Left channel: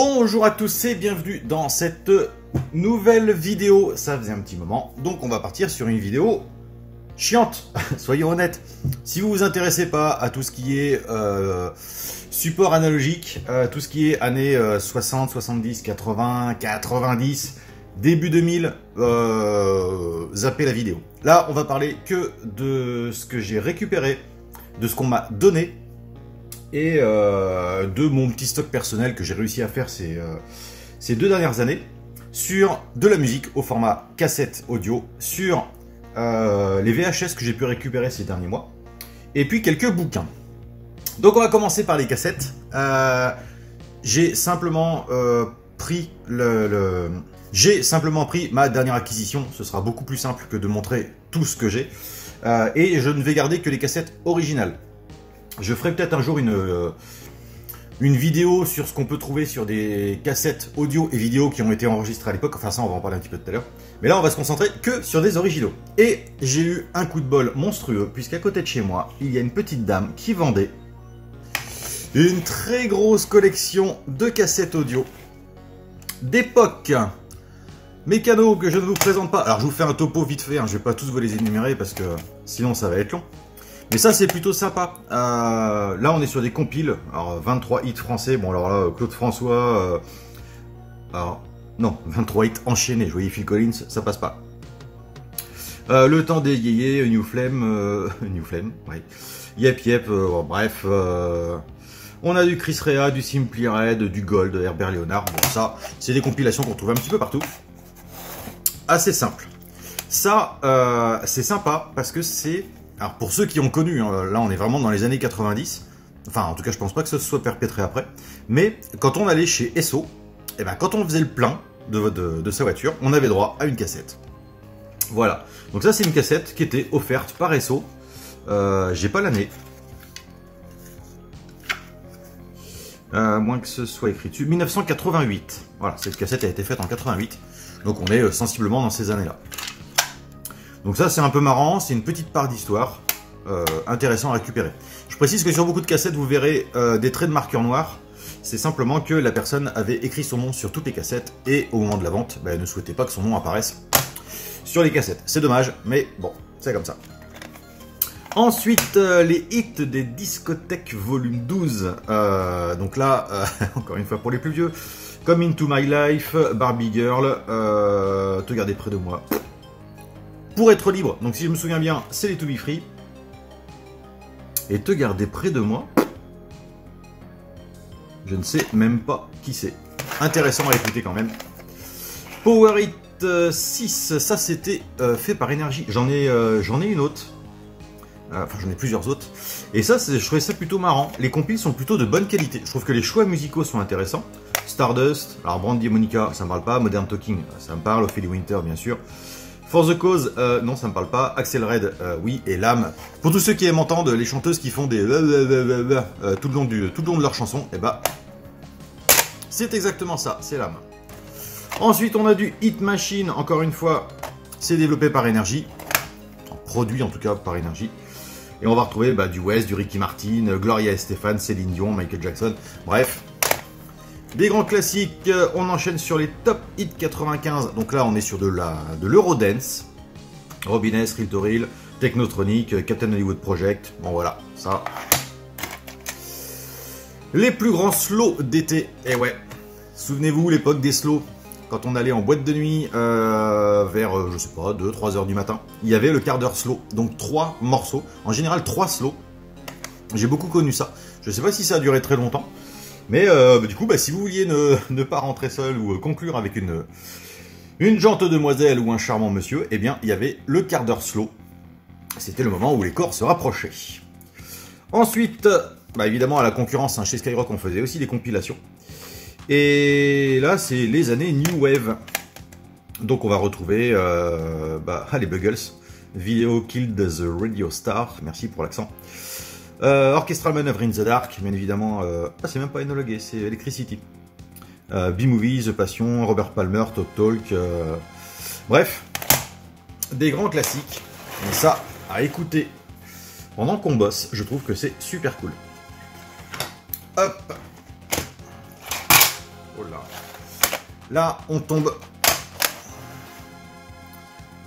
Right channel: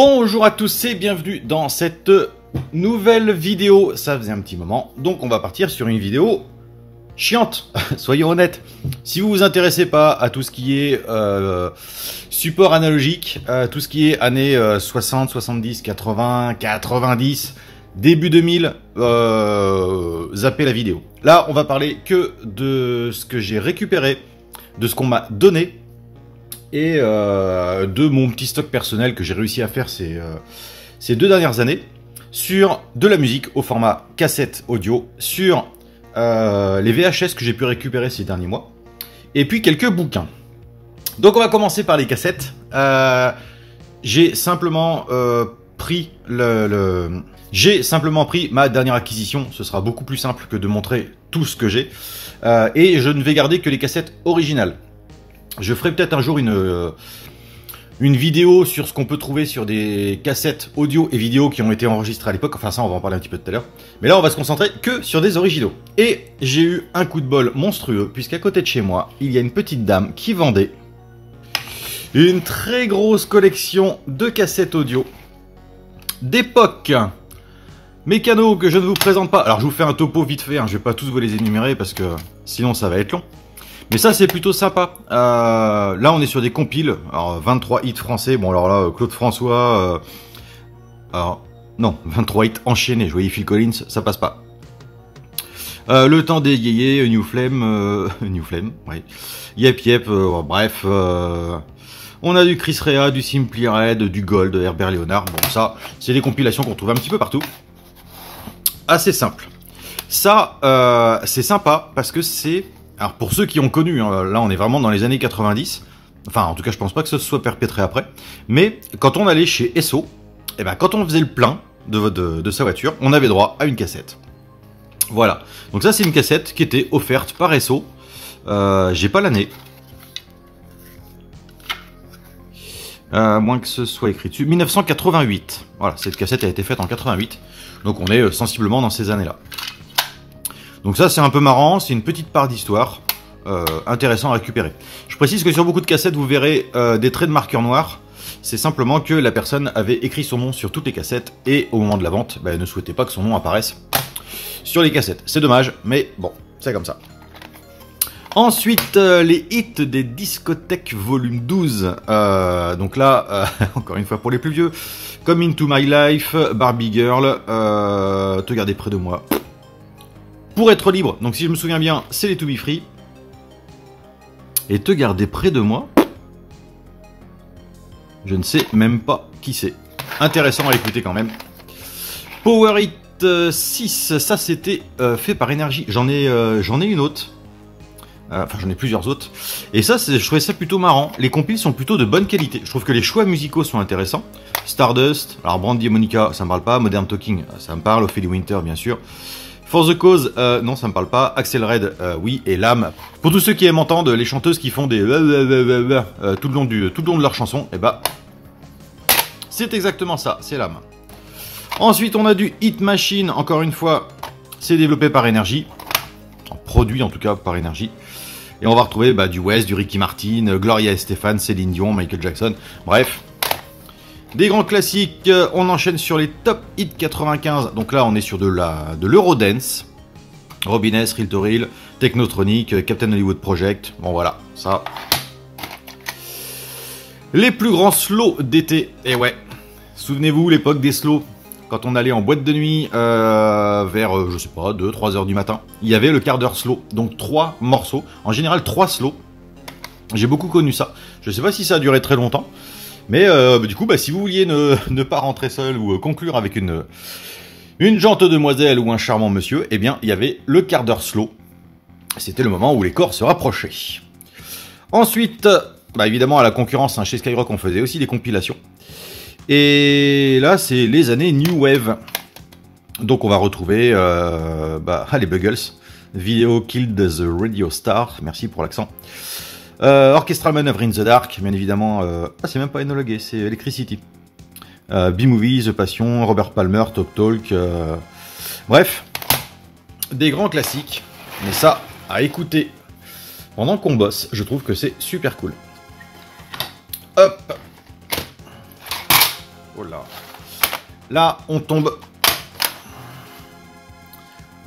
Bonjour à tous et bienvenue dans cette nouvelle vidéo. Ça faisait un petit moment, donc on va partir sur une vidéo chiante, soyons honnêtes. Si vous vous intéressez pas à tout ce qui est support analogique, tout ce qui est années 60, 70, 80, 90, début 2000, zappez la vidéo. Là, on va parler que de ce que j'ai récupéré, de ce qu'on m'a donné, et de mon petit stock personnel que j'ai réussi à faire ces 2 dernières années, sur de la musique au format cassette audio, sur les VHS que j'ai pu récupérer ces derniers mois, et puis quelques bouquins. Donc on va commencer par les cassettes. J'ai simplement pris ma dernière acquisition. Ce sera beaucoup plus simple que de montrer tout ce que j'ai, et je ne vais garder que les cassettes originales. Je ferai peut-être un jour une vidéo sur ce qu'on peut trouver sur des cassettes audio et vidéo qui ont été enregistrées à l'époque. Enfin ça, on va en parler un petit peu tout à l'heure. Mais là, on va se concentrer que sur des originaux. Et j'ai eu un coup de bol monstrueux, puisqu'à côté de chez moi, il y a une petite dame qui vendait une très grosse collection de cassettes audio d'époque. Mécano que je ne vous présente pas. Alors je vous fais un topo vite fait, hein. Je vais pas tous vous les énumérer parce que sinon ça va être long. Mais ça, c'est plutôt sympa. Là, on est sur des compiles. Alors, 23 hits français. Bon, alors là, Claude François... alors, non, 23 hits enchaînés. Je voyais Phil Collins, ça passe pas. Le temps des yéyés, New Flame... New Flame, oui. Yep Yep, bref. On a du Chris Rea, du Simply Red, du Gold, Herbert Léonard. Bon, ça, c'est des compilations qu'on trouve un petit peu partout. Assez simple. Ça, c'est sympa parce que c'est... Alors pour ceux qui ont connu, hein, là on est vraiment dans les années 90, enfin en tout cas je pense pas que ce soit perpétré après, mais quand on allait chez Esso, et ben quand on faisait le plein de sa voiture, on avait droit à une cassette. Voilà, donc ça c'est une cassette qui était offerte par Esso, j'ai pas l'année, moins que ce soit écrit dessus, 1988, voilà, cette cassette a été faite en 88, donc on est sensiblement dans ces années-là. Donc ça c'est un peu marrant, c'est une petite part d'histoire, intéressant à récupérer. Je précise que sur beaucoup de cassettes vous verrez des traits de marqueur noir, c'est simplement que la personne avait écrit son nom sur toutes les cassettes et au moment de la vente, elle ne souhaitait pas que son nom apparaisse sur les cassettes. C'est dommage, mais bon, c'est comme ça. Ensuite, les hits des discothèques volume 12, donc là, encore une fois pour les plus vieux, comme Into My Life, Barbie Girl, Te garder près de moi. Pour être libre, donc si je me souviens bien, c'est les To Be Free. Et Te garder près de moi, je ne sais même pas qui c'est. Intéressant à écouter quand même. Power Hit 6, ça c'était fait par Énergie. J'en ai une autre. Enfin, j'en ai plusieurs autres. Et ça, je trouvais ça plutôt marrant. Les compiles sont plutôt de bonne qualité. Je trouve que les choix musicaux sont intéressants. Stardust, alors Brandy et Monica, ça me parle pas. Modern Talking, ça me parle. Ophélie Winter, bien sûr. For the Cause, non, ça me parle pas. Axel Red, oui, et L'âme. Pour tous ceux qui aiment entendre les chanteuses qui font des tout le long de leur chanson, et bah, c'est exactement ça, c'est L'âme. Ensuite, on a du Hit Machine, encore une fois, c'est développé par Énergie, produit en tout cas par Énergie. Et on va retrouver du West, du Ricky Martin, Gloria Estefan, Céline Dion, Michael Jackson, bref. Des grands classiques, on enchaîne sur les top hits 95, donc là on est sur de l'Eurodance, Robin S, Real to Real, Technotronic, Captain Hollywood Project, bon voilà, ça. Les plus grands slows d'été, et ouais, souvenez-vous l'époque des slows, quand on allait en boîte de nuit vers, je sais pas, 2-3 heures du matin, il y avait le quart d'heure slow, donc 3 morceaux, en général 3 slows, j'ai beaucoup connu ça, je sais pas si ça a duré très longtemps. Mais du coup, si vous vouliez ne pas rentrer seul ou conclure avec une gente demoiselle ou un charmant monsieur, eh bien, il y avait le quart d'heure slow. C'était le moment où les corps se rapprochaient. Ensuite, évidemment, à la concurrence, chez Skyrock, on faisait aussi des compilations. Et là, c'est les années New Wave. Donc, on va retrouver les Buggles. Video Killed the Radio Star. Merci pour l'accent. Orchestral Maneuver in the Dark, bien évidemment, c'est même pas énologué, c'est Electricity. B-Movie, The Passion, Robert Palmer, Talk Talk, bref, des grands classiques, et ça, à écouter pendant qu'on bosse, je trouve que c'est super cool. Hop. Oh là. Là, on tombe...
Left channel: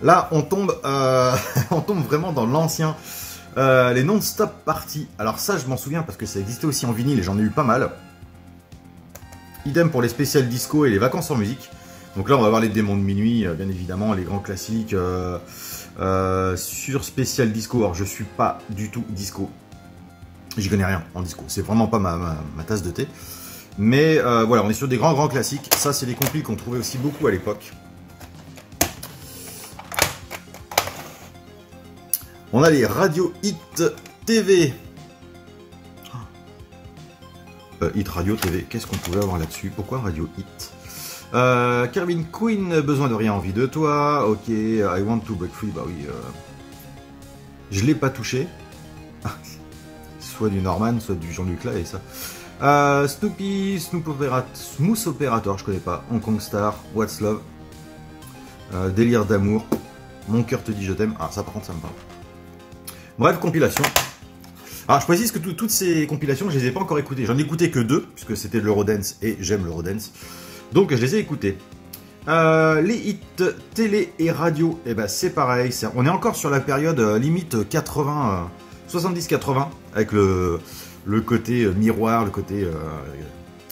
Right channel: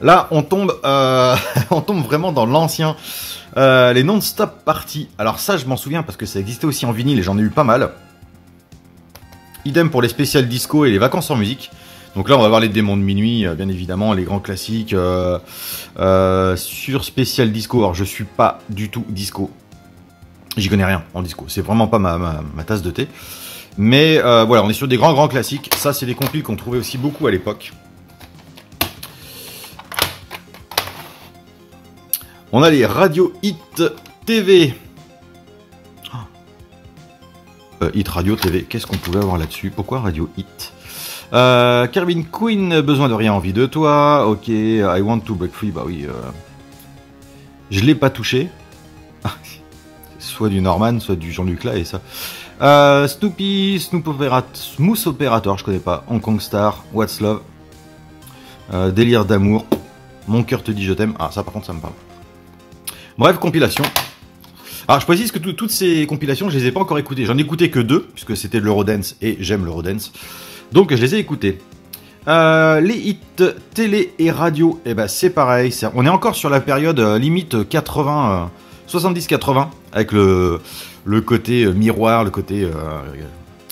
Là, on tombe, on tombe vraiment dans l'ancien. Les non-stop parties. Alors ça, je m'en souviens parce que ça existait aussi en vinyle et j'en ai eu pas mal. Idem pour les spéciales disco et les vacances en musique. Donc là, on va voir les démons de minuit, bien évidemment, les grands classiques sur spécial disco. Alors, je suis pas du tout disco. J'y connais rien en disco. C'est vraiment pas ma tasse de thé. Mais voilà, on est sur des grands classiques. Ça, c'est des compiles qu'on trouvait aussi beaucoup à l'époque. On a les Radio Hit TV. Hit Radio TV, qu'est-ce qu'on pouvait avoir là-dessus? Pourquoi Radio Hit? Calvin Queen, besoin de rien, envie de toi. Ok, I want to break free, bah oui. Je l'ai pas touché. Soit du Norman, soit du Jean-Luc Lahaye, ça. Snoopy, Smooth Operator, je connais pas. Hong Kong Star, What's Love. Délire d'amour. Mon cœur te dit je t'aime. Ah, ça par contre, ça me parle. Bref, compilation. Alors, je précise que toutes ces compilations, je les ai pas encore écoutées. J'en ai écouté que 2, puisque c'était de l'Eurodance et j'aime l'Eurodance. Donc, je les ai écoutées. Les hits télé et radio, eh ben, c'est pareil. On est encore sur la période limite 80, 70-80, avec le côté miroir, le côté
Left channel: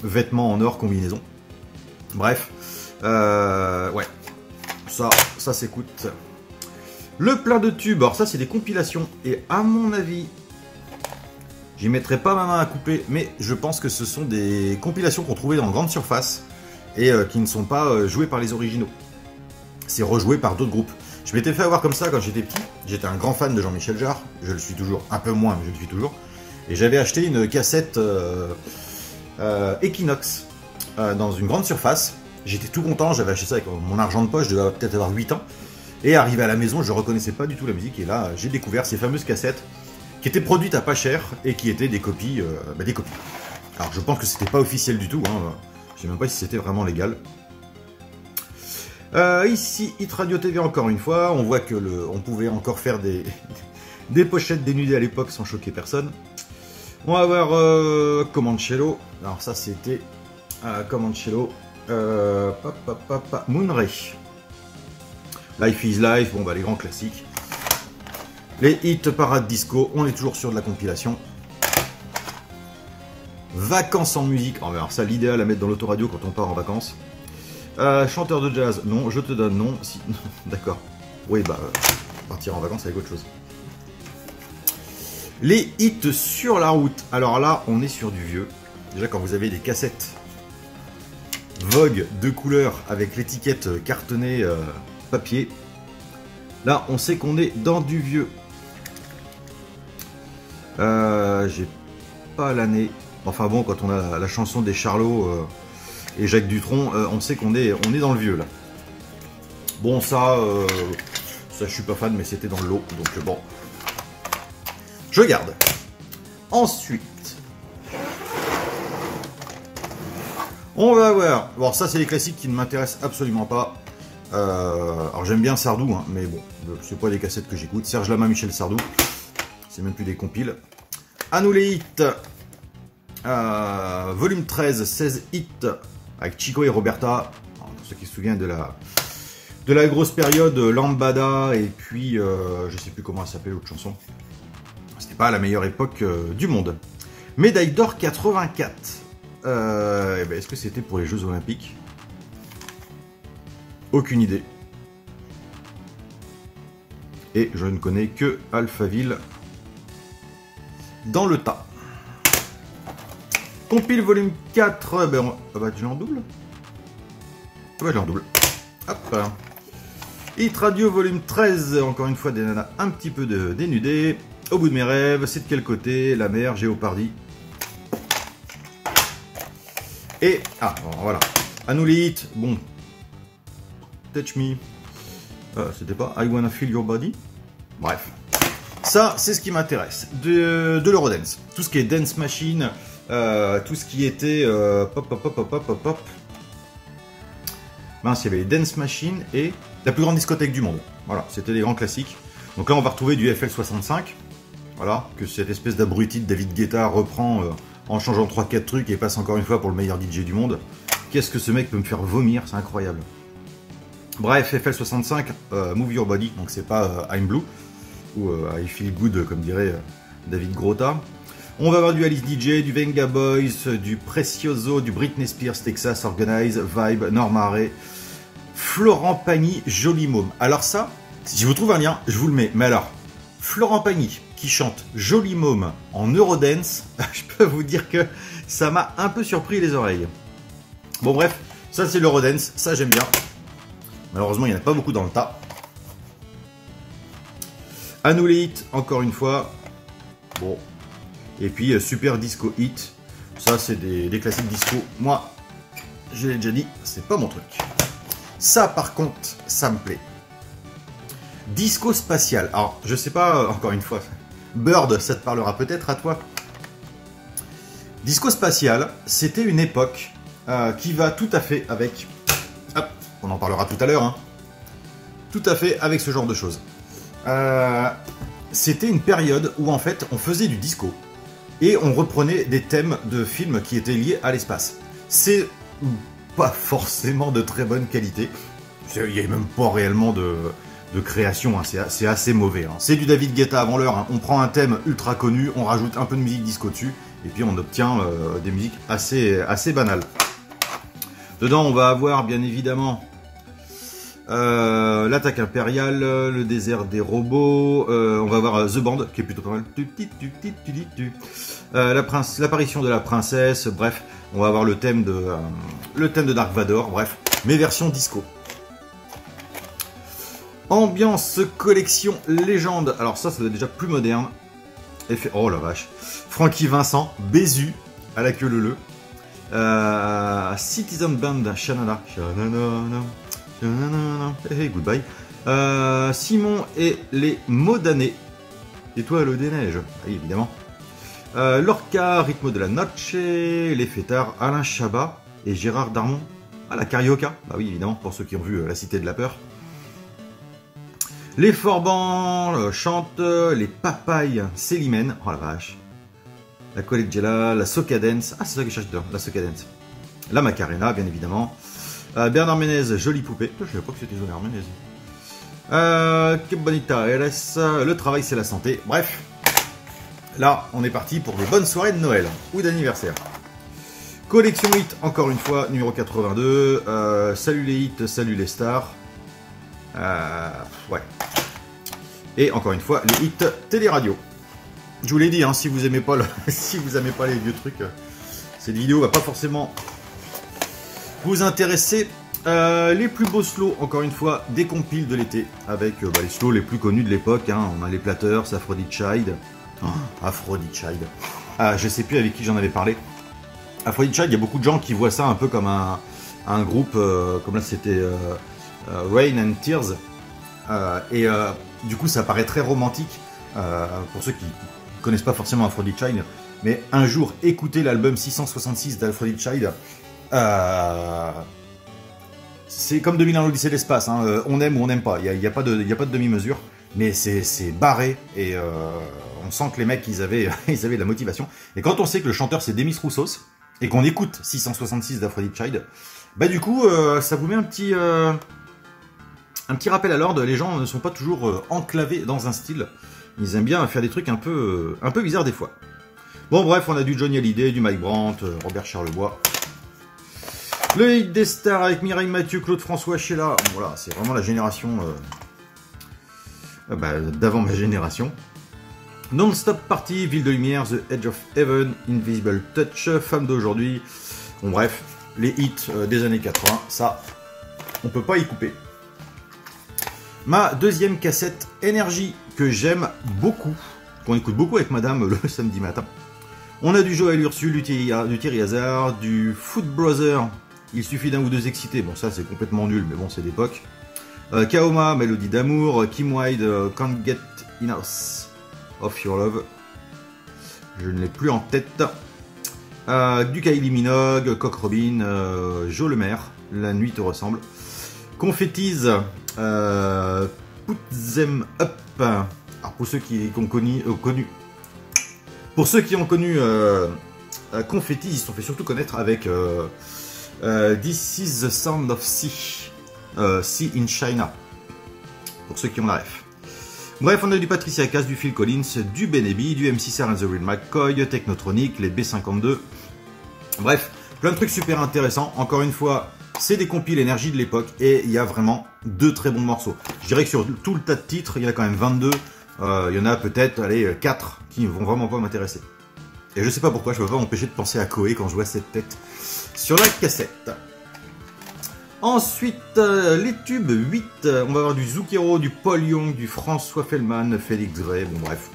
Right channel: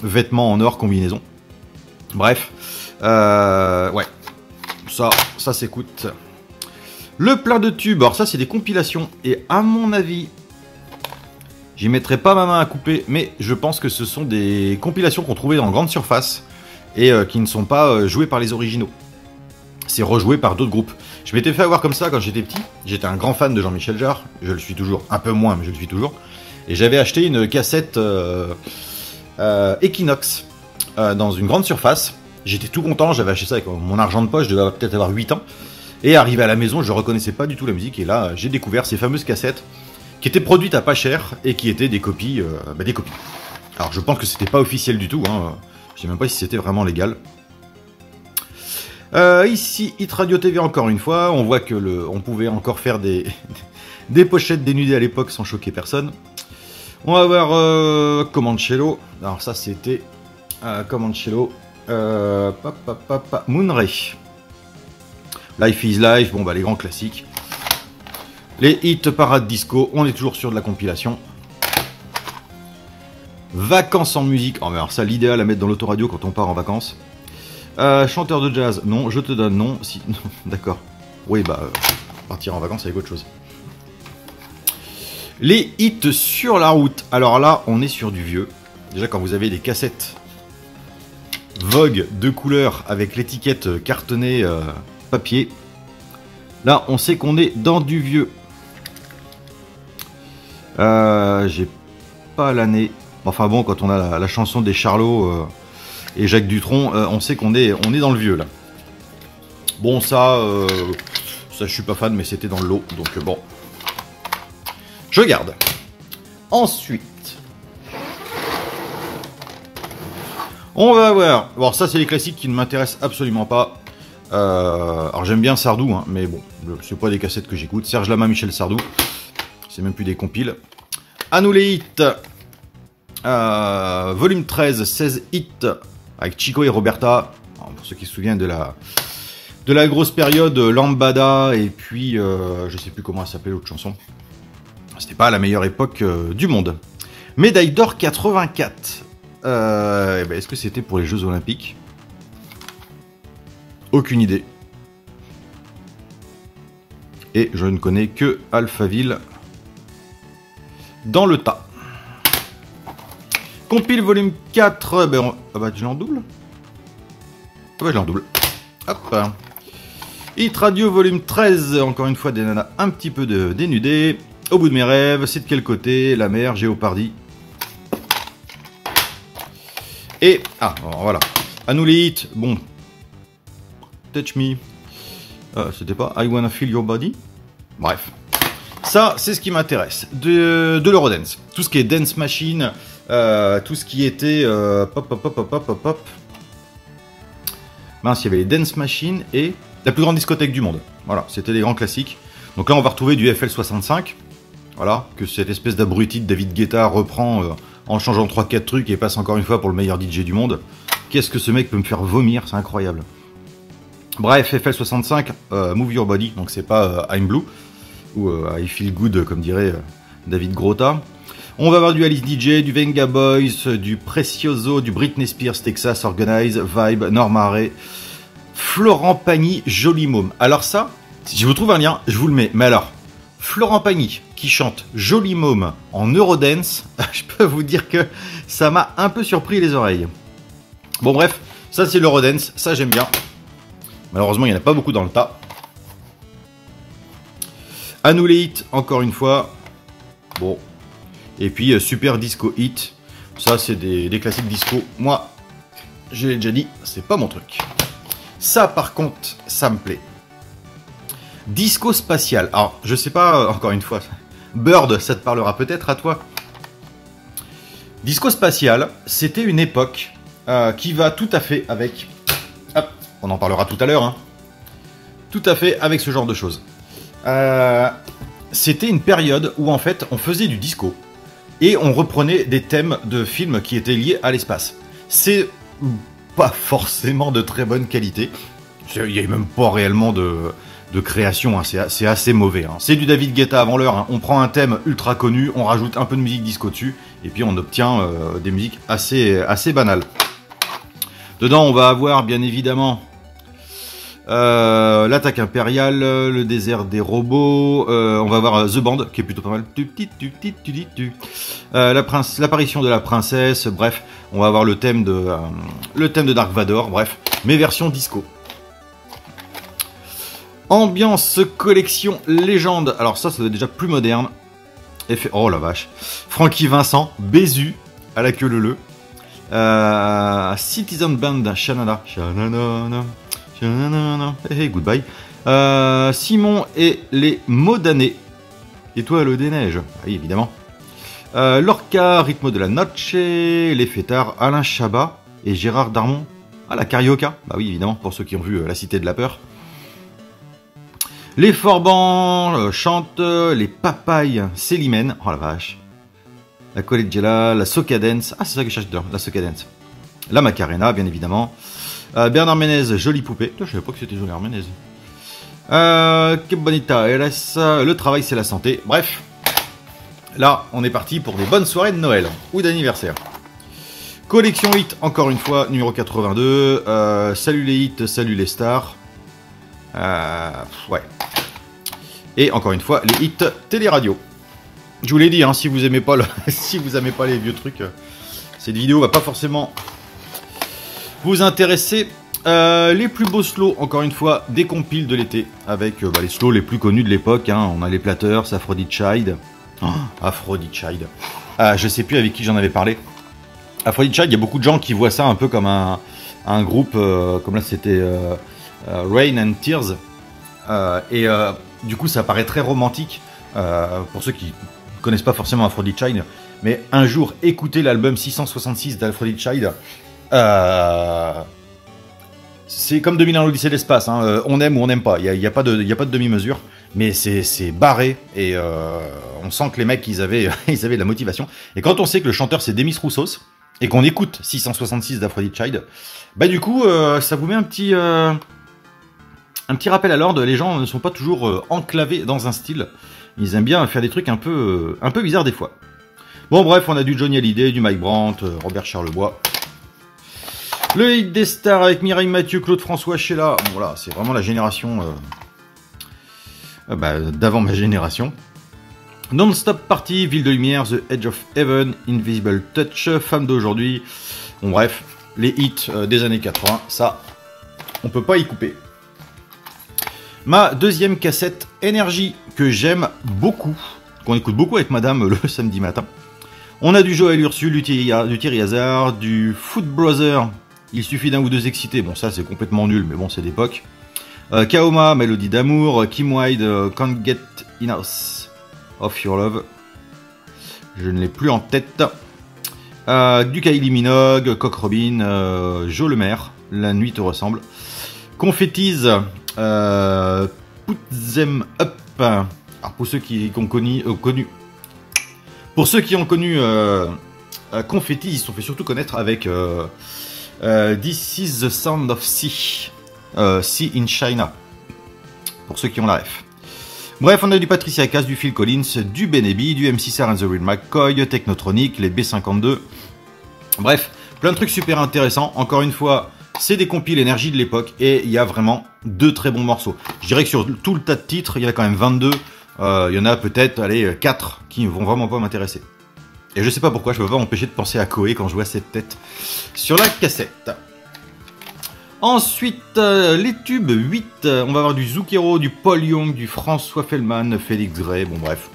vêtements en or, combinaison. Bref, ouais, ça s'écoute. Le plein de tubes, alors ça c'est des compilations, et à mon avis, j'y mettrai pas ma main à couper, mais je pense que ce sont des compilations qu'on trouvait dans grande surface, et qui ne sont pas jouées par les originaux. C'est rejoué par d'autres groupes. Je m'étais fait avoir comme ça quand j'étais petit, j'étais un grand fan de Jean-Michel Jarre, je le suis toujours, un peu moins, mais je le suis toujours, et j'avais acheté une cassette Equinox dans une grande surface. J'étais tout content, j'avais acheté ça avec mon argent de poche, je devais peut-être avoir 8 ans. Et arrivé à la maison, je reconnaissais pas du tout la musique. Et là, j'ai découvert ces fameuses cassettes qui étaient produites à pas cher et qui étaient des copies. Des copies. Alors, je pense que c'était pas officiel du tout. Hein. Je sais même pas si c'était vraiment légal. Ici, Hit Radio TV encore une fois. On voit que on pouvait encore faire des pochettes dénudées à l'époque sans choquer personne. On va voir Comancello. Alors ça, c'était Comancello. Moonray. Life is Life, bon bah les grands classiques. Les hits parade disco, on est toujours sur de la compilation. Vacances en musique, oh mais alors ça l'idéal à mettre dans l'autoradio quand on part en vacances. Chanteur de jazz, non, je te donne non. Si... D'accord. Oui bah partir en vacances avec autre chose. Les hits sur la route, alors là on est sur du vieux. Déjà quand vous avez des cassettes Vogue de couleur avec l'étiquette cartonnée papier. Là, on sait qu'on est dans du vieux. J'ai pas l'année. Enfin bon, quand on a la chanson des Charlots et Jacques Dutronc, on sait qu'on est dans le vieux là. Bon, ça je suis pas fan, mais c'était dans le lot, donc bon. Je garde. Ensuite, on va voir. Bon, ça c'est les classiques qui ne m'intéressent absolument pas. Alors j'aime bien Sardou, hein, mais bon, c'est pas des cassettes que j'écoute. Serge Lama, Michel Sardou, c'est même plus des compiles. À nous les hits. Volume 13, 16 hits avec Chico et Roberta. Alors, pour ceux qui se souviennent de la grosse période Lambada et puis je sais plus comment s'appelait l'autre chanson. C'était pas la meilleure époque du monde. Médaille d'or 84. Est-ce que c'était pour les Jeux Olympiques? Aucune idée. Et je ne connais que Alphaville dans le tas. Compile volume 4. Ben je l'en double. Ouais, je l'en double. Hop. Hit Radio volume 13. Encore une fois, des nanas un petit peu dénudées. Au bout de mes rêves. C'est de quel côté? La mer, Géopardy. Et, alors voilà. À nous les hits. Bon. Touch Me. C'était pas I Wanna Feel Your Body. Bref. Ça, c'est ce qui m'intéresse. De l'Eurodance. Tout ce qui est Dance Machine. Tout ce qui était... pop. Mince, il y avait les Dance Machine et la plus grande discothèque du monde. Voilà, c'était les grands classiques. Donc là, on va retrouver du FL65. Voilà, que cette espèce d'abruti de David Guetta reprend en changeant 3-4 trucs et passe encore une fois pour le meilleur DJ du monde. Qu'est-ce que ce mec peut me faire vomir, c'est incroyable. Bref, FL65, Move Your Body, donc c'est pas I'm Blue, ou I Feel Good, comme dirait David Grotta. On va avoir du Alice DJ, du Venga Boys, du Precioso, du Britney Spears, Texas Organize, Vibe, Norma Ray, Florent Pagny, Joli Môme. Alors ça, si je vous trouve un lien, je vous le mets. Mais alors, Florent Pagny qui chante Joli Môme en Eurodance, je peux vous dire que ça m'a un peu surpris les oreilles. Bon bref, ça c'est l'Eurodance, ça j'aime bien. Malheureusement, il n'y en a pas beaucoup dans le tas. À nous les hits, encore une fois. Bon. Et puis Super Disco Hit. Ça c'est des classiques disco. Moi, je l'ai déjà dit, c'est pas mon truc. Ça par contre, ça me plaît. Disco spatial. Alors, je sais pas, encore une fois, Bird, ça te parlera peut-être à toi. Disco spatial, c'était une époque qui va tout à fait avec... Hop, on en parlera tout à l'heure. Hein. Tout à fait avec ce genre de choses. C'était une période où en fait, on faisait du disco. Et on reprenait des thèmes de films qui étaient liés à l'espace. C'est pas forcément de très bonne qualité. Il n'y a même pas réellement de création, hein. C'est assez mauvais. Hein. C'est du David Guetta avant l'heure. Hein. On prend un thème ultra connu, on rajoute un peu de musique disco dessus, et puis on obtient des musiques assez banales. Dedans, on va avoir bien évidemment l'attaque impériale, le désert des robots, on va avoir The Band qui est plutôt pas mal, l'apparition de la princesse, bref, on va avoir le thème de Dark Vador, bref, mes versions disco. Ambiance collection légende, alors ça doit être déjà plus moderne. Oh la vache, Francky Vincent, Bézu à la queue leu. Citizen Band, Shanana, hey, goodbye. Simon et les mots d'année. Étoile des neiges, oui, évidemment. Lorca, rythme de la noche. Les fêtards, Alain Chabat et Gérard Darmon. Ah, la carioca, bah oui, évidemment, pour ceux qui ont vu La Cité de la Peur. Les Forbans chantent. Les papayes, Célimène. Oh la vache. La Collegiala, la Socadence. Ah, c'est ça que je cherche dedans, la Socadence. La Macarena, bien évidemment. Bernard Ménez, Jolie Poupée. Je ne savais pas que c'était Bernard Ménez. Que bonita RS. Le travail, c'est la santé. Bref. Là, on est parti pour de bonnes soirées de Noël ou d'anniversaire. Collection hit, encore une fois, numéro 82. Salut les hits, salut les stars. Ouais. Et encore une fois, les hits télé-radio. Je vous l'ai dit, hein, si vous aimez pas si vous aimez pas les vieux trucs, cette vidéo va pas forcément vous intéresser. Les plus beaux slows, encore une fois, des compiles de l'été avec les slows les plus connus de l'époque. Hein. On a les Platters, Aphrodite Child. Aphrodite Child. Je sais plus avec qui j'en avais parlé. Aphrodite Child, il y a beaucoup de gens qui voient ça un peu comme un groupe, comme là c'était Rain and Tears. Du coup, ça paraît très romantique pour ceux qui connaissent pas forcément Aphrodite Child. Mais un jour, écoutez l'album 666 d'Aphrodite Child. C'est comme 2001 l'Odyssée de l'espace, hein. On aime ou on n'aime pas, il n'y a pas de demi-mesure, mais c'est barré, et on sent que les mecs, ils avaient de la motivation. Et quand on sait que le chanteur c'est Demis Roussos, et qu'on écoute 666 d'Aphrodite Child, bah du coup, ça vous met un petit rappel à l'ordre. Les gens ne sont pas toujours enclavés dans un style, ils aiment bien faire des trucs un peu bizarres des fois. Bon bref, on a du Johnny Hallyday, du Mike Brandt, Robert Charlebois. Le hit des stars avec Mireille Mathieu, Claude François, Sheila. Bon, voilà, c'est vraiment la génération d'avant ma génération. Non-Stop Party, Ville de Lumière, The Edge of Heaven, Invisible Touch, Femme d'aujourd'hui. Bon bref, les hits des années 80, ça, on peut pas y couper. Ma deuxième cassette Énergie, que j'aime beaucoup, qu'on écoute beaucoup avec madame le samedi matin. On a du Joël Ursule, du Thierry Hazard, du Foot Brother. Il suffit d'un ou deux excités. Bon, ça, c'est complètement nul, mais bon, c'est d'époque. Kaoma, Mélodie d'amour. Kim Wilde, Can't Get Enough of Your Love. Je ne l'ai plus en tête. Du Kylie Minogue, Coq Robin, Joe Lemaire, La nuit te ressemble. Confettis, Put Them Up. Alors, pour ceux qui ont connu... Pour ceux qui ont connu Confettis, ils se sont fait surtout connaître avec This is the Sound of Sea. Sea in China. Pour ceux qui ont la ref. Bref, on a du Patricia Cass, du Phil Collins, du Ben Eby, du MC and the Real McCoy, Technotronic, les B52. Bref, plein de trucs super intéressants. Encore une fois, c'est des compiles énergie de l'époque et il y a vraiment 2 très bons morceaux. Je dirais que sur tout le tas de titres, il y en a quand même 22. Il y en a peut-être, allez, 4 qui vont vraiment pas m'intéresser. Et je sais pas pourquoi, je peux pas m'empêcher de penser à Koei quand je vois cette tête sur la cassette. Ensuite, les tubes 8, on va avoir du Zucchero, du Paul Young, du François Fellman, Félix Gray, bon bref,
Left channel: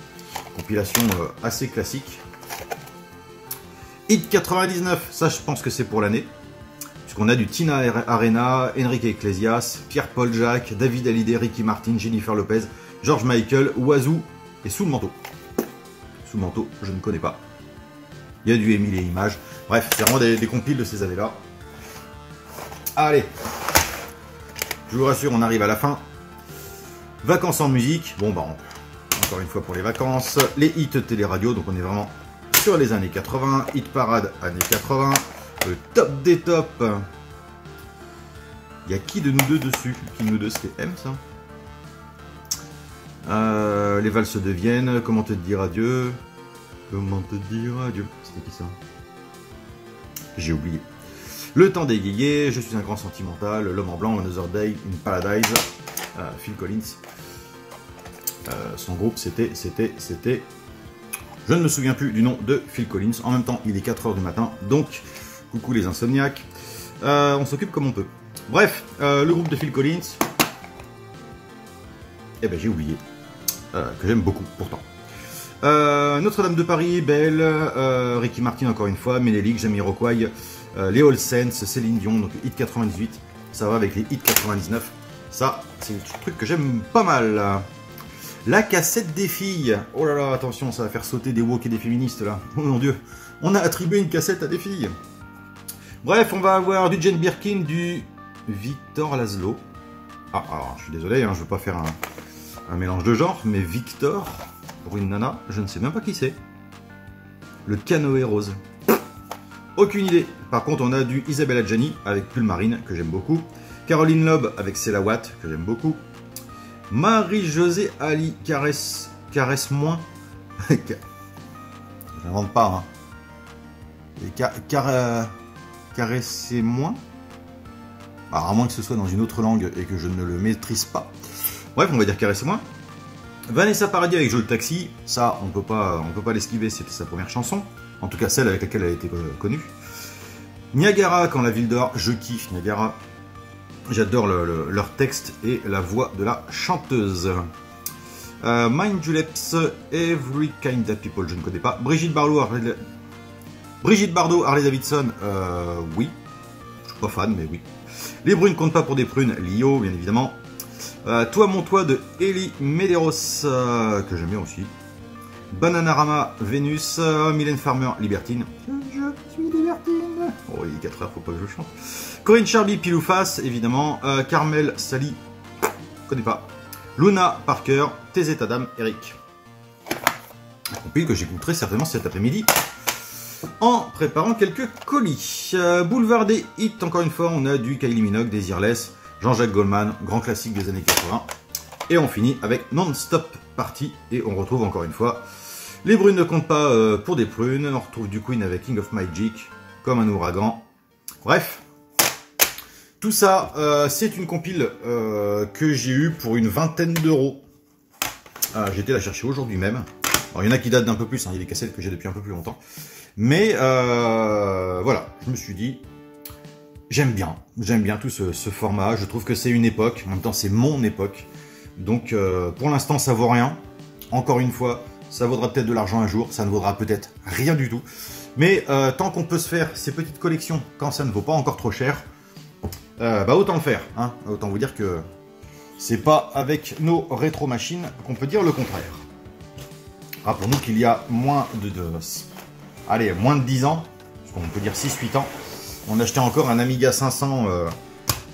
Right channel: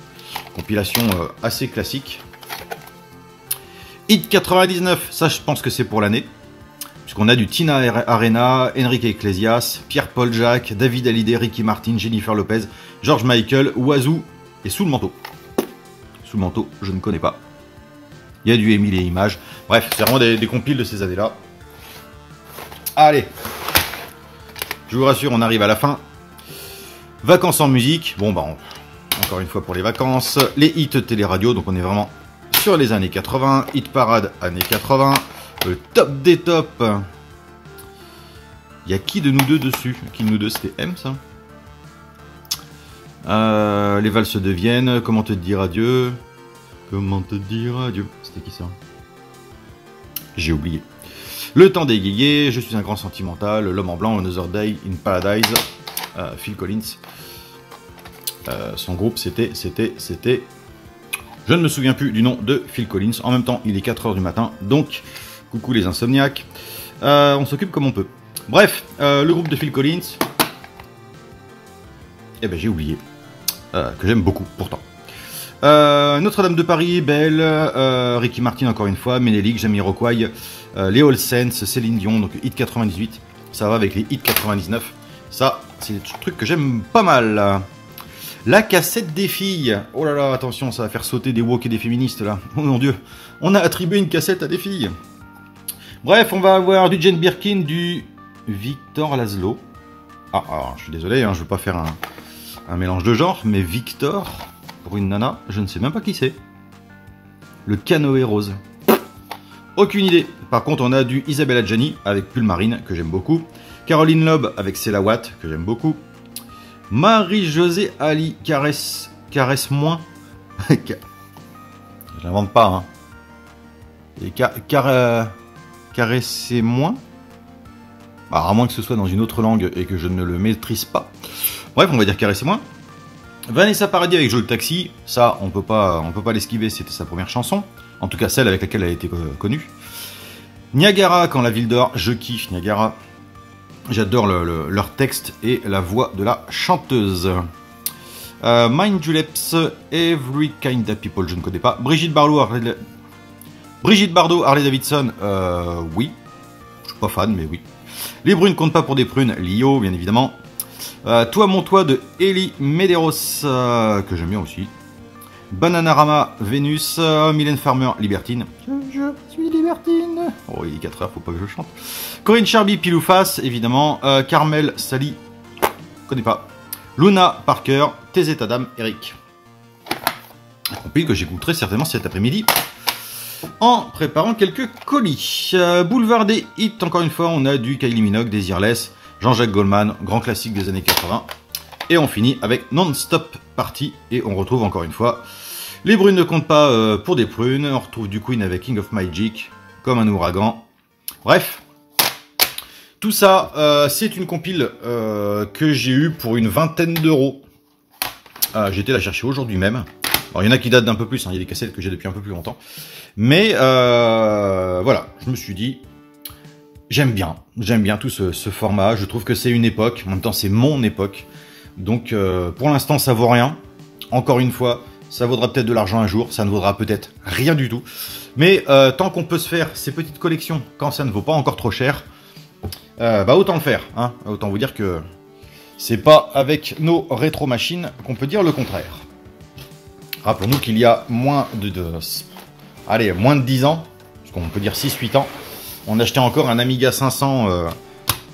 compilation assez classique. Hit 99, ça je pense que c'est pour l'année, puisqu'on a du Tina Arena, Enrique Iglesias, Pierre-Paul Jacques, David Hallyday, Ricky Martin, Jennifer Lopez, George Michael, Oiseau et Sous le manteau. Sous le manteau, je ne connais pas. Il y a du Émile et Images, bref, c'est vraiment des compiles de ces années-là. Allez, je vous rassure, on arrive à la fin. Vacances en musique. Bon, bah, encore une fois pour les vacances. Les hits télé-radio, donc on est vraiment sur les années 80. Hit parade, années 80. Le top des tops. Il y a qui de nous deux dessus? Qui de nous deux, c'était M, ça? Les valses de Vienne. Comment te dire adieu? Comment te dire adieu? C'était qui ça? J'ai oublié. Le temps des guégués, je suis un grand sentimental, l'homme en blanc, Another Day in Paradise, Phil Collins. Son groupe, c'était... Je ne me souviens plus du nom de Phil Collins. En même temps, il est 4 h du matin, donc coucou les insomniaques. On s'occupe comme on peut. Bref, le groupe de Phil Collins, eh ben j'ai oublié, que j'aime beaucoup pourtant. Notre-Dame de Paris, Belle, Ricky Martin encore une fois, Ménélique, Jamiroquai, les All Saints, Céline Dion, donc hit 98, ça va avec les hit 99, ça c'est le truc que j'aime pas mal. La cassette des filles, oh là là, attention, ça va faire sauter des woke et des féministes là, oh mon dieu, on a attribué une cassette à des filles. Bref, on va avoir du Jane Birkin, du Victor Laszlo, je suis désolé, hein, je veux pas faire un mélange de genres, mais Victor, pour une nana, je ne sais même pas qui c'est. Le canoë rose. Aucune idée. Par contre, on a du Isabelle Adjani avec Pull Marine, que j'aime beaucoup. Caroline Loeb avec Céla Watt, que j'aime beaucoup. Marie-Josée Ali, Caresse moins. Je l'invente pas, hein. Et caresser moins. Alors, à moins que ce soit dans une autre langue et que je ne le maîtrise pas. Bref, on va dire caresser moins. Vanessa Paradis avec Joe Taxi, ça on peut pas l'esquiver, c'était sa première chanson, en tout cas celle avec laquelle elle a été connue. Niagara, quand la ville dort, je kiffe Niagara, j'adore leur texte et la voix de la chanteuse. Mind Juleps, Every Kind of People, je ne connais pas. Brigitte Bardot, Harley Davidson, oui, je suis pas fan mais oui. Les brunes comptent pas pour des prunes, Lio bien évidemment. Toi mon toit de Ellie Medeiros, que j'aime bien aussi. Bananarama, Vénus, Mylène Farmer, Libertine. Je suis Libertine. Oh, il est 4 h, faut pas que je chante. Corinne Charby, Pile ou Face, évidemment. Carmel, Sally, je connais pas. Luna Parker, TZ Adam, Eric. Un compil que j'écouterai certainement cet après-midi en préparant quelques colis. Boulevard des hits, encore une fois, on a du Kylie Minogue, Desireless. Jean-Jacques Goldman, grand classique des années 80. Et on finit avec Non-Stop Party. Et on retrouve encore une fois Les brunes ne comptent pas pour des prunes. On retrouve du Queen avec King of Magic, Comme un ouragan. Bref, tout ça, c'est une compile que j'ai eue pour une vingtaine d'euros. J'ai été la chercher aujourd'hui même. Alors, il y en a qui datent d'un peu plus, hein. Il y a des cassettes que j'ai depuis un peu plus longtemps. Mais voilà, je me suis dit... J'aime bien tout ce format, je trouve que c'est une époque, en même temps c'est mon époque, donc pour l'instant ça vaut rien, encore une fois, ça vaudra peut-être de l'argent un jour, ça ne vaudra peut-être rien du tout, mais tant qu'on peut se faire ces petites collections quand ça ne vaut pas encore trop cher, bah autant le faire, hein. Autant vous dire que c'est pas avec nos rétro-machines qu'on peut dire le contraire. Rappelons-nous qu'il y a moins de 10 ans, parce qu'on peut dire 6-8 ans, on achetait encore un Amiga 500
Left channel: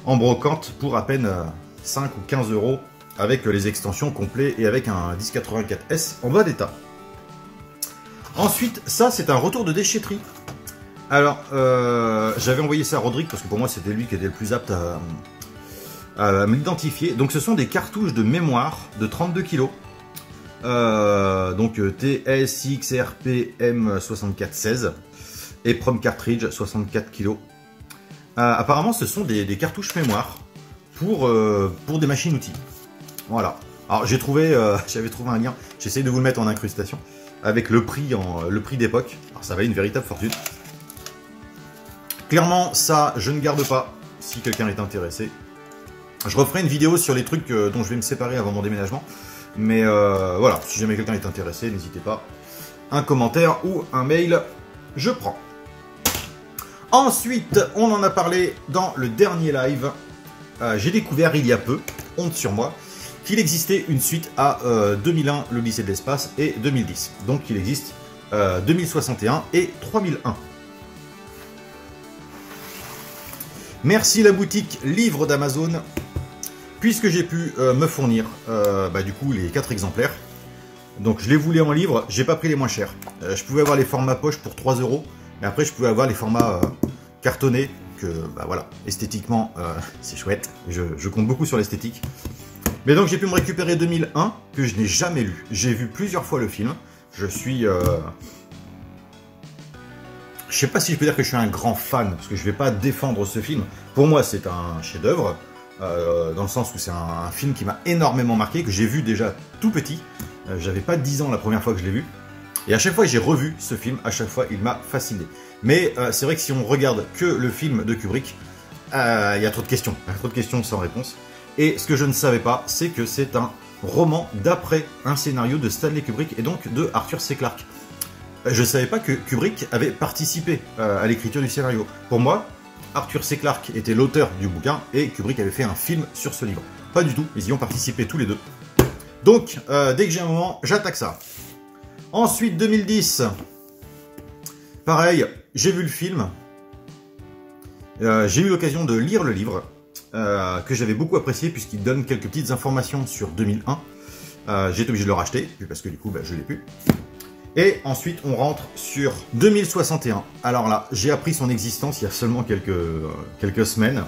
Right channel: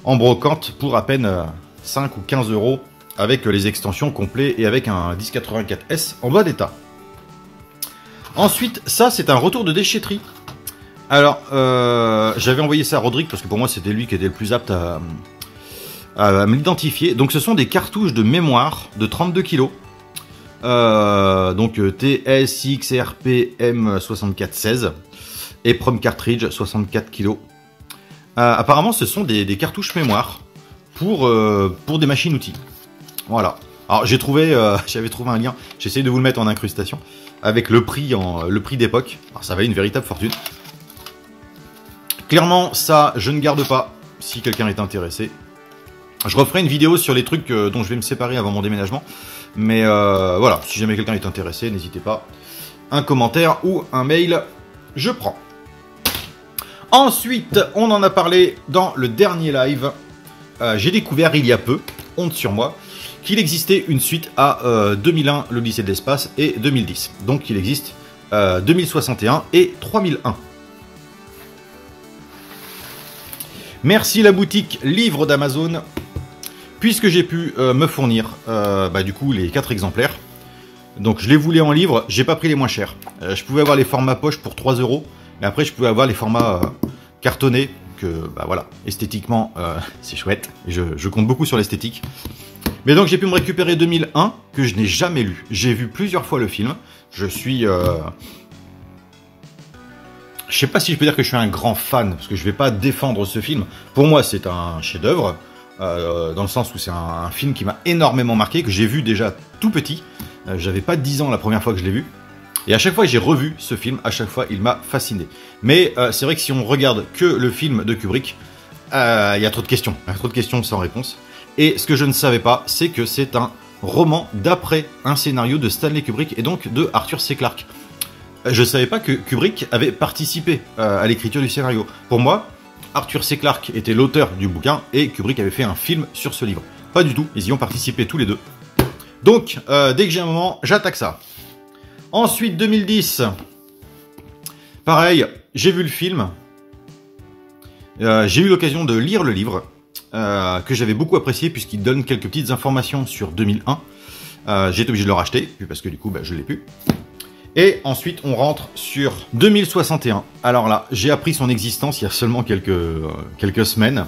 en brocante pour à peine 5 ou 15 euros avec les extensions complets et avec un 1084S en bas d'état. Ensuite, ça c'est un retour de déchetterie. Alors, j'avais envoyé ça à Rodrigue parce que pour moi c'était lui qui était le plus apte à m'identifier. Donc ce sont des cartouches de mémoire de 32 kg. Donc TSXRPM6416 et Prom Cartridge 64 kg. Apparemment ce sont des cartouches mémoire pour des machines-outils. Voilà. Alors j'avais trouvé un lien, j'essaye de vous le mettre en incrustation, avec le prix d'époque. Alors ça valait une véritable fortune. Clairement, ça, je ne garde pas, si quelqu'un est intéressé. Je referai une vidéo sur les trucs dont je vais me séparer avant mon déménagement. Mais voilà, si jamais quelqu'un est intéressé, n'hésitez pas. Un commentaire ou un mail, je prends. Ensuite, on en a parlé dans le dernier live. J'ai découvert il y a peu, honte sur moi, qu'il existait une suite à 2001, l'Odyssée de l'espace, et 2010. Donc il existe 2061 et 3001. Merci la boutique livre d'Amazon, puisque j'ai pu me fournir du coup les 4 exemplaires. Donc je les voulais en livre, j'ai pas pris les moins chers. Je pouvais avoir les formats poche pour 3 €, mais après je pouvais avoir les formats cartonnés, que voilà, esthétiquement c'est chouette, je compte beaucoup sur l'esthétique. Mais donc j'ai pu me récupérer 2001, que je n'ai jamais lu. J'ai vu plusieurs fois le film, je suis... Je sais pas si je peux dire que je suis un grand fan, parce que je vais pas défendre ce film. Pour moi, c'est un chef-d'œuvre, dans le sens où c'est un film qui m'a énormément marqué, que j'ai vu déjà tout petit. J'avais pas 10 ans la première fois que je l'ai vu. Et à chaque fois que j'ai revu ce film, à chaque fois, il m'a fasciné. Mais c'est vrai que si on regarde que le film de Kubrick, il y a trop de questions. Il y a trop de questions sans réponse. Et ce que je ne savais pas, c'est que c'est un roman d'après un scénario de Stanley Kubrick et donc de Arthur C. Clarke. Je savais pas que Kubrick avait participé à l'écriture du scénario. Pour moi, Arthur C. Clarke était l'auteur du bouquin et Kubrick avait fait un film sur ce livre. Pas du tout, ils y ont participé tous les deux. Donc, dès que j'ai un moment, j'attaque ça. Ensuite, 2010. Pareil, j'ai vu le film. J'ai eu l'occasion de lire le livre, que j'avais beaucoup apprécié puisqu'il donne quelques petites informations sur 2001. J'ai été obligé de le racheter, parce que du coup, je l'ai plus. Et ensuite, on rentre sur 2061. Alors là, j'ai appris son existence il y a seulement quelques semaines.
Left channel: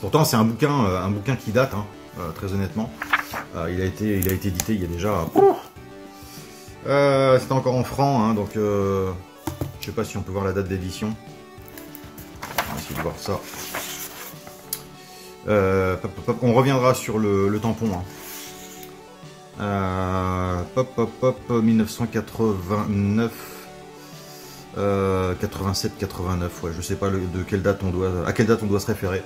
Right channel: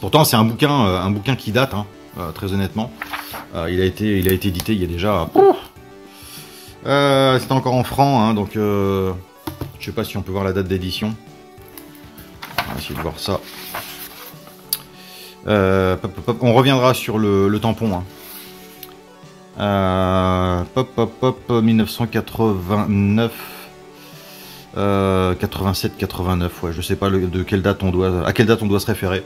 Pourtant, c'est un bouquin qui date, hein, très honnêtement. Il a été édité il y a déjà... C'était encore en francs, hein, donc... je sais pas si on peut voir la date d'édition. On va essayer de voir ça. On reviendra sur le tampon, hein. 1989, 87, 89, ouais, je sais pas à quelle date on doit se référer.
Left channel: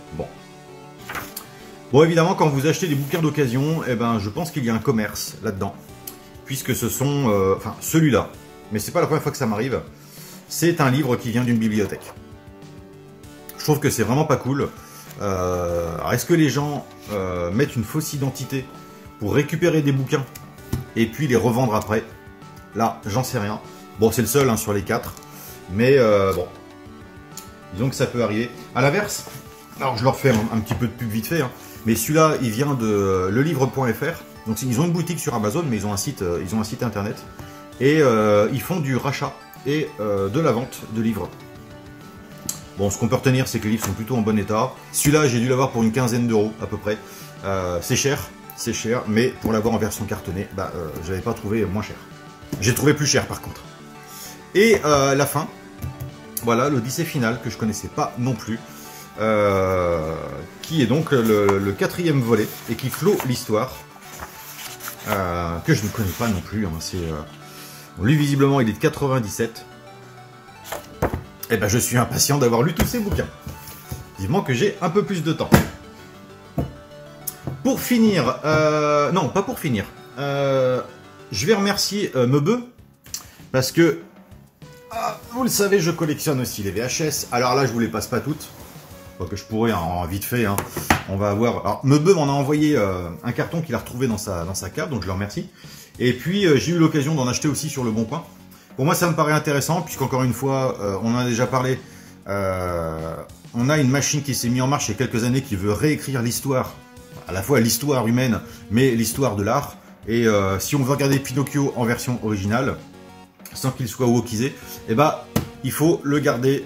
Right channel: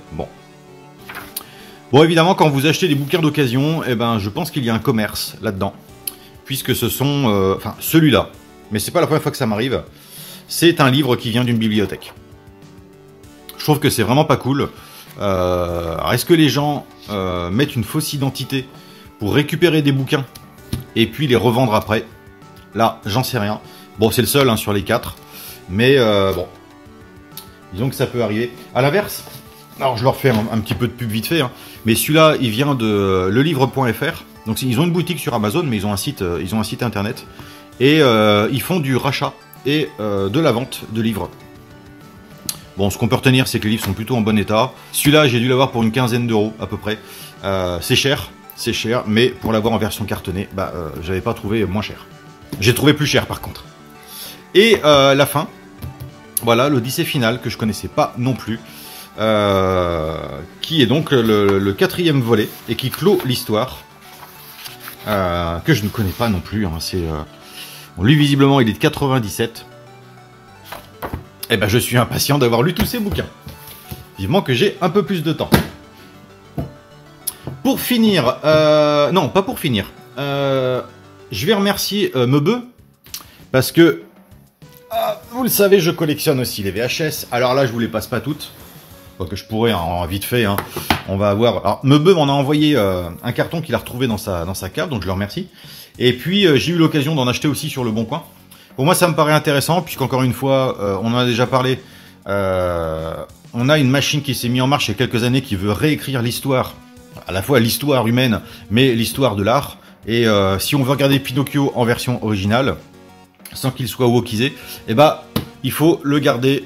Bon, évidemment, quand vous achetez des bouquins d'occasion, je pense qu'il y a un commerce là-dedans, puisque ce sont, celui-là, mais c'est pas la première fois que ça m'arrive. C'est un livre qui vient d'une bibliothèque. Je trouve que c'est vraiment pas cool. Alors, est-ce que les gens mettent une fausse identité pour récupérer des bouquins et puis les revendre après? Là, j'en sais rien. Bon, c'est le seul, hein, sur les 4. Mais bon, disons que ça peut arriver. À l'inverse, alors je leur fais un petit peu de pub vite fait, hein, mais celui-là, il vient de lelivre.fr. Donc ils ont une boutique sur Amazon, mais ils ont un site internet. Et ils font du rachat et de la vente de livres. Bon, ce qu'on peut retenir, c'est que les livres sont plutôt en bon état. Celui-là, j'ai dû l'avoir pour une quinzaine d'euros à peu près. C'est cher, mais pour l'avoir en version cartonnée, j'avais pas trouvé moins cher. J'ai trouvé plus cher par contre. Et la fin, voilà, l'Odyssée finale que je connaissais pas non plus, qui est donc le 4e volet et qui clôt l'histoire, que je ne connais pas non plus. Hein, lui visiblement il est de 97. Et je suis impatient d'avoir lu tous ces bouquins. Vivement que j'ai un peu plus de temps. Pour finir, non, pas pour finir. Je vais remercier Meubeux, parce que, vous le savez, je collectionne aussi les VHS. Alors là, je vous les passe pas toutes. Donc je pourrais, hein, vite fait, hein, on va avoir... Alors, Meubeux m'en a envoyé un carton qu'il a retrouvé dans sa cave, donc je le remercie. Et puis, j'ai eu l'occasion d'en acheter aussi sur Le Bon Coin. Pour moi, ça me paraît intéressant, puisqu'encore une fois, on en a déjà parlé. On a une machine qui s'est mise en marche il y a quelques années qui veut réécrire l'histoire, à la fois l'histoire humaine, mais l'histoire de l'art. Et si on veut regarder Pinocchio en version originale, sans qu'il soit wokisé, il faut le garder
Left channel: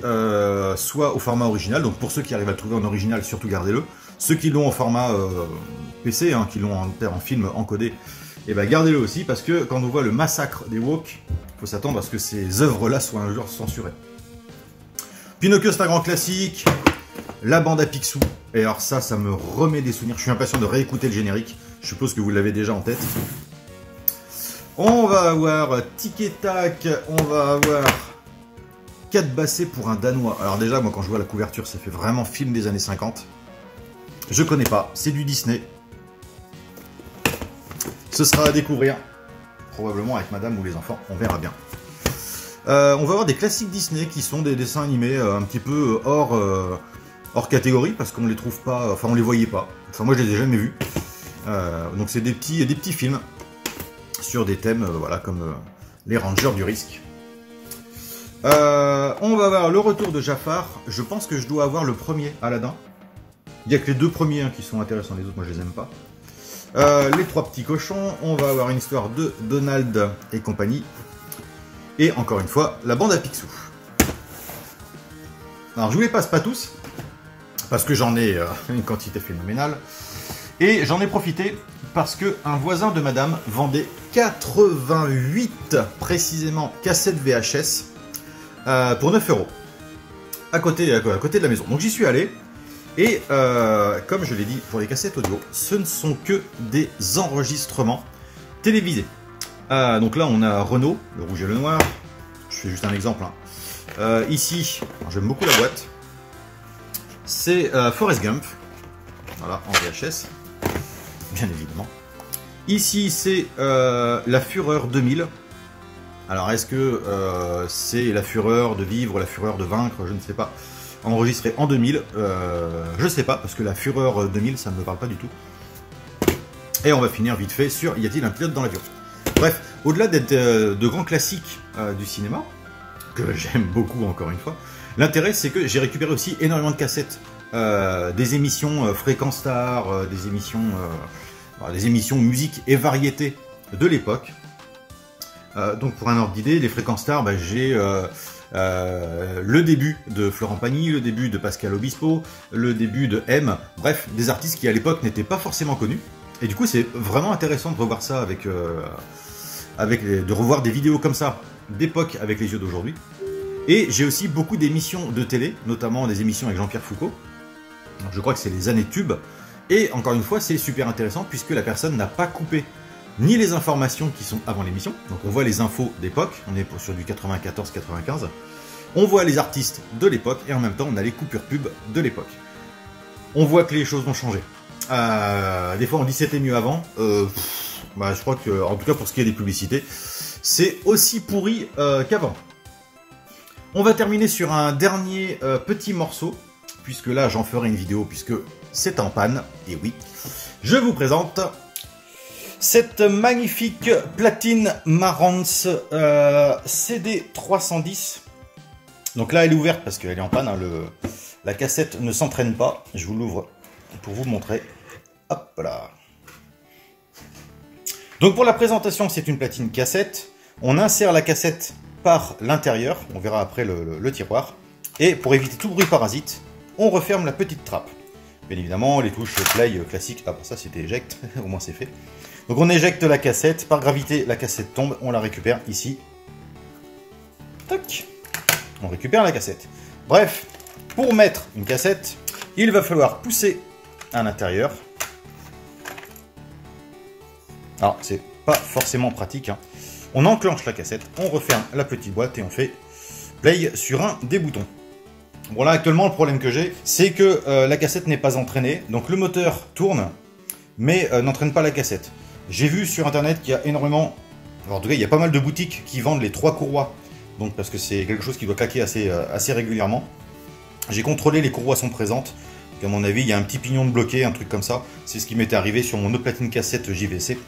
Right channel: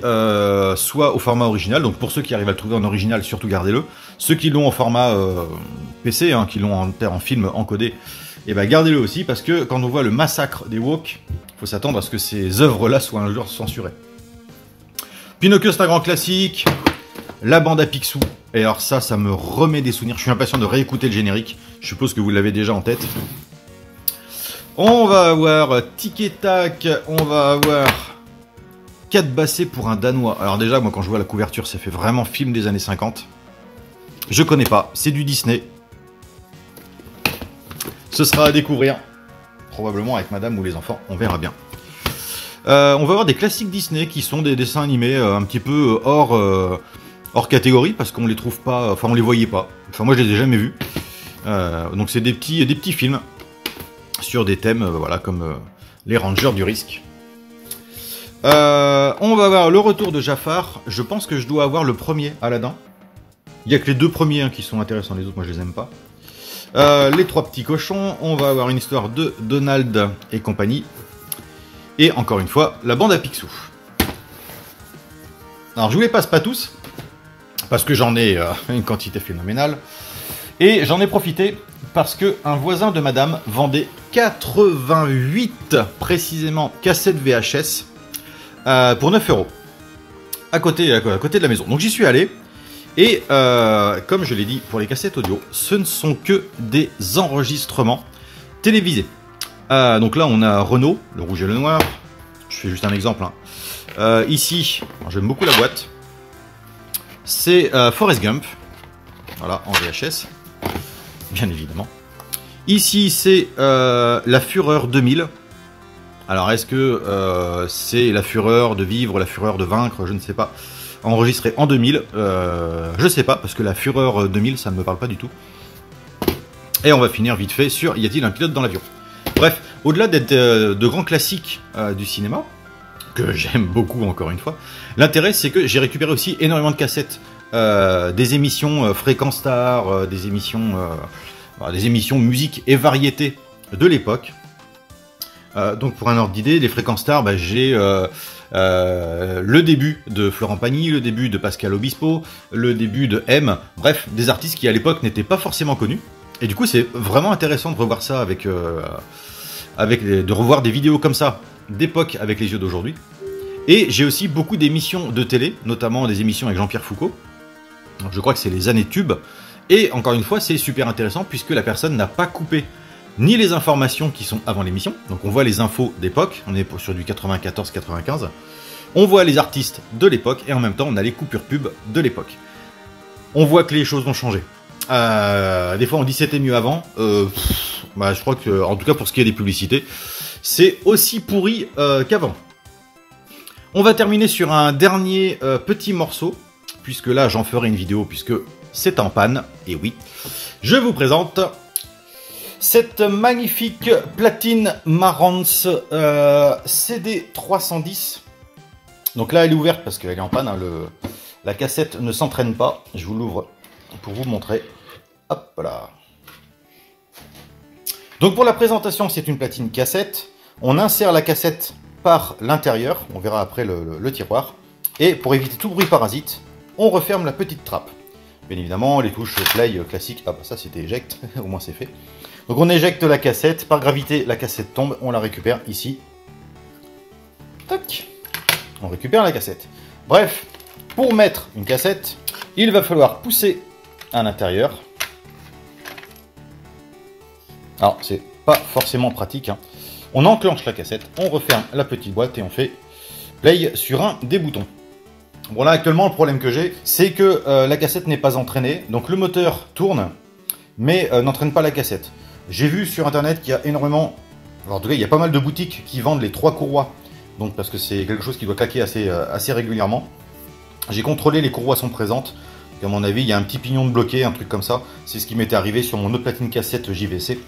soit au format original, donc pour ceux qui arrivent à le trouver en original, surtout gardez-le. Ceux qui l'ont en format PC, hein, qui l'ont en film encodé, et ben gardez-le aussi, parce que quand on voit le massacre des woke, il faut s'attendre à ce que ces œuvres-là soient un jour censurées. Pinocchio, c'est un grand classique. La bande à Picsou. Et alors ça me remet des souvenirs. Je suis impatient de réécouter le générique. Je suppose que vous l'avez déjà en tête. On va avoir Tic et Tac. On va avoir 4 bassés pour un Danois. Alors déjà, moi quand je vois la couverture, ça fait vraiment film des années 50. Je connais pas. C'est du Disney. Ce sera à découvrir. Probablement avec madame ou les enfants. On verra bien. On va avoir des classiques Disney qui sont des dessins animés un petit peu hors catégorie parce qu'on les trouve pas, enfin on les voyait pas. Enfin moi je les ai jamais vus. Donc c'est des petits films sur des thèmes voilà comme les Rangers du risque. On va avoir le retour de Jafar. Je pense que je dois avoir le premier Aladdin. Il y a que les 2 premiers qui sont intéressants, les autres moi je les aime pas. Les 3 petits cochons. On va avoir une histoire de Donald et compagnie. Et encore une fois, la bande à Picsou. Alors je vous les passe pas tous, parce que j'en ai une quantité phénoménale. Et j'en ai profité parce que un voisin de madame vendait 88 précisément cassettes VHS pour 9 € à côté de la maison. Donc j'y suis allé. Et comme je l'ai dit pour les cassettes audio, ce ne sont que des enregistrements télévisés. Donc là on a Renault, le rouge et le noir, je fais juste un exemple. Hein. Ici, j'aime beaucoup la boîte, c'est Forrest Gump, voilà, en VHS, bien évidemment. Ici c'est La Fureur 2000, alors est-ce que c'est La Fureur de vivre, La Fureur de vaincre, je ne sais pas, enregistré en 2000, je sais pas, parce que La Fureur 2000 ça ne me parle pas du tout. Et on va finir vite fait sur Y a-t-il un pilote dans l'avion? Bref, au-delà d'être de grands classiques du cinéma, que j'aime beaucoup encore une fois, l'intérêt c'est que j'ai récupéré aussi énormément de cassettes, des émissions Fréquence Star, des émissions musique et variété de l'époque. Donc pour un ordre d'idée, les Fréquences Star, j'ai le début de Florent Pagny, le début de Pascal Obispo, le début de M, bref, des artistes qui à l'époque n'étaient pas forcément connus. Et du coup c'est vraiment intéressant de revoir ça de revoir des vidéos comme ça d'époque avec les yeux d'aujourd'hui. Et j'ai aussi beaucoup d'émissions de télé, notamment des émissions avec Jean-Pierre Foucault. Donc je crois que c'est les années tubes. Et encore une fois, c'est super intéressant puisque la personne n'a pas coupé ni les informations qui sont avant l'émission. Donc on voit les infos d'époque, on est sur du 94-95. On voit les artistes de l'époque et en même temps on a les coupures pub de l'époque. On voit que les choses ont changé. Des fois on dit c'était mieux avant. Je crois que, en tout cas pour ce qui est des publicités, c'est aussi pourri qu'avant. On va terminer sur un dernier petit morceau, puisque là j'en ferai une vidéo, puisque c'est en panne, et oui. Je vous présente cette magnifique platine Marantz CD 310. Donc là elle est ouverte parce qu'elle est en panne, hein, la cassette ne s'entraîne pas. Je vous l'ouvre pour vous montrer. Hop là. Donc pour la présentation, c'est une platine cassette. On insère la cassette par l'intérieur. On verra après le tiroir. Et pour éviter tout bruit parasite, on referme la petite trappe. Bien évidemment, les touches play classiques. Ah bah ça c'était éjecte, au moins c'est fait. Donc on éjecte la cassette. Par gravité, la cassette tombe. On la récupère ici. Tac. On récupère la cassette. Bref, pour mettre une cassette, il va falloir pousser à l'intérieur. Alors, c'est pas forcément pratique. Hein. On enclenche la cassette, on referme la petite boîte et on fait play sur un des boutons. Bon, là, actuellement, le problème que j'ai, c'est que la cassette n'est pas entraînée. Donc, le moteur tourne, mais n'entraîne pas la cassette. J'ai vu sur Internet qu'il y a énormément... Alors, en tout cas, il y a pas mal de boutiques qui vendent les 3 courroies. Donc, parce que c'est quelque chose qui doit claquer assez régulièrement. J'ai contrôlé, les courroies sont présentes. Donc, à mon avis, il y a un petit pignon de bloqué, un truc comme ça. C'est ce qui m'était arrivé sur mon autre platine cassette JVC.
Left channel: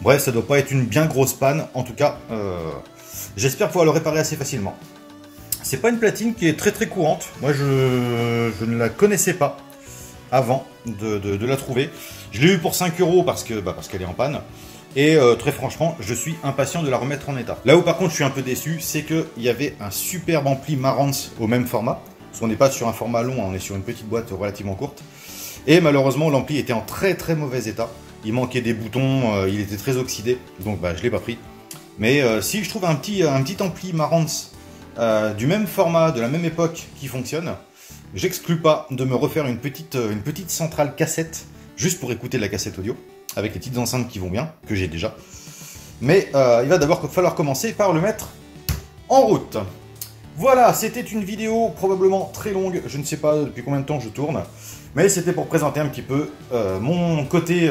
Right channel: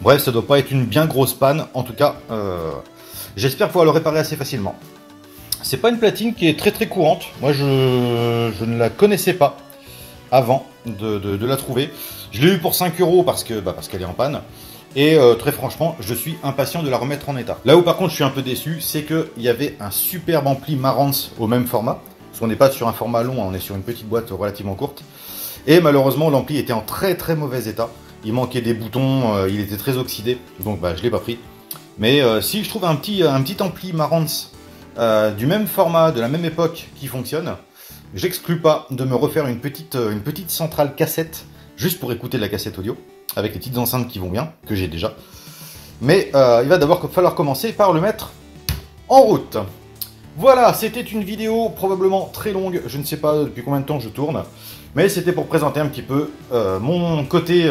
Bref, ça doit pas être une bien grosse panne. En tout cas, j'espère pouvoir le réparer assez facilement. C'est pas une platine qui est très courante. Moi, je ne la connaissais pas avant de la trouver. Je l'ai eu pour 5 € parce qu'elle est en panne. Et très franchement, je suis impatient de la remettre en état. Là où par contre je suis un peu déçu, c'est qu'il y avait un superbe ampli Marantz au même format. Parce qu'on n'est pas sur un format long, hein, on est sur une petite boîte relativement courte. Et malheureusement, l'ampli était en très très mauvais état. Il manquait des boutons, il était très oxydé, donc bah, je ne l'ai pas pris. Mais si je trouve un petit ampli Marantz du même format, de la même époque qui fonctionne, j'exclus pas de me refaire une petite centrale cassette, juste pour écouter de la cassette audio, avec les petites enceintes qui vont bien, que j'ai déjà. Mais il va d'abord falloir commencer par le mettre en route. Voilà, c'était une vidéo probablement très longue, je ne sais pas depuis combien de temps je tourne, mais c'était pour présenter un petit peu mon côté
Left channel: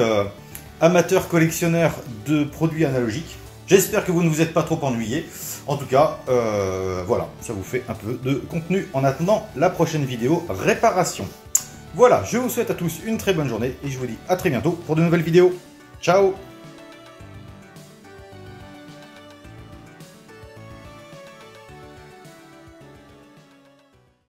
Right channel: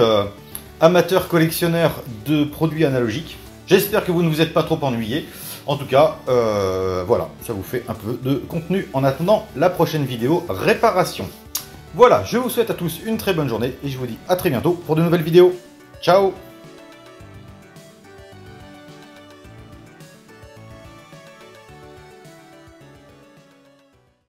amateur collectionneur de produits analogiques. J'espère que vous ne vous êtes pas trop ennuyés. En tout cas, voilà, ça vous fait un peu de contenu en attendant la prochaine vidéo réparation. Voilà, je vous souhaite à tous une très bonne journée et je vous dis à très bientôt pour de nouvelles vidéos. Ciao!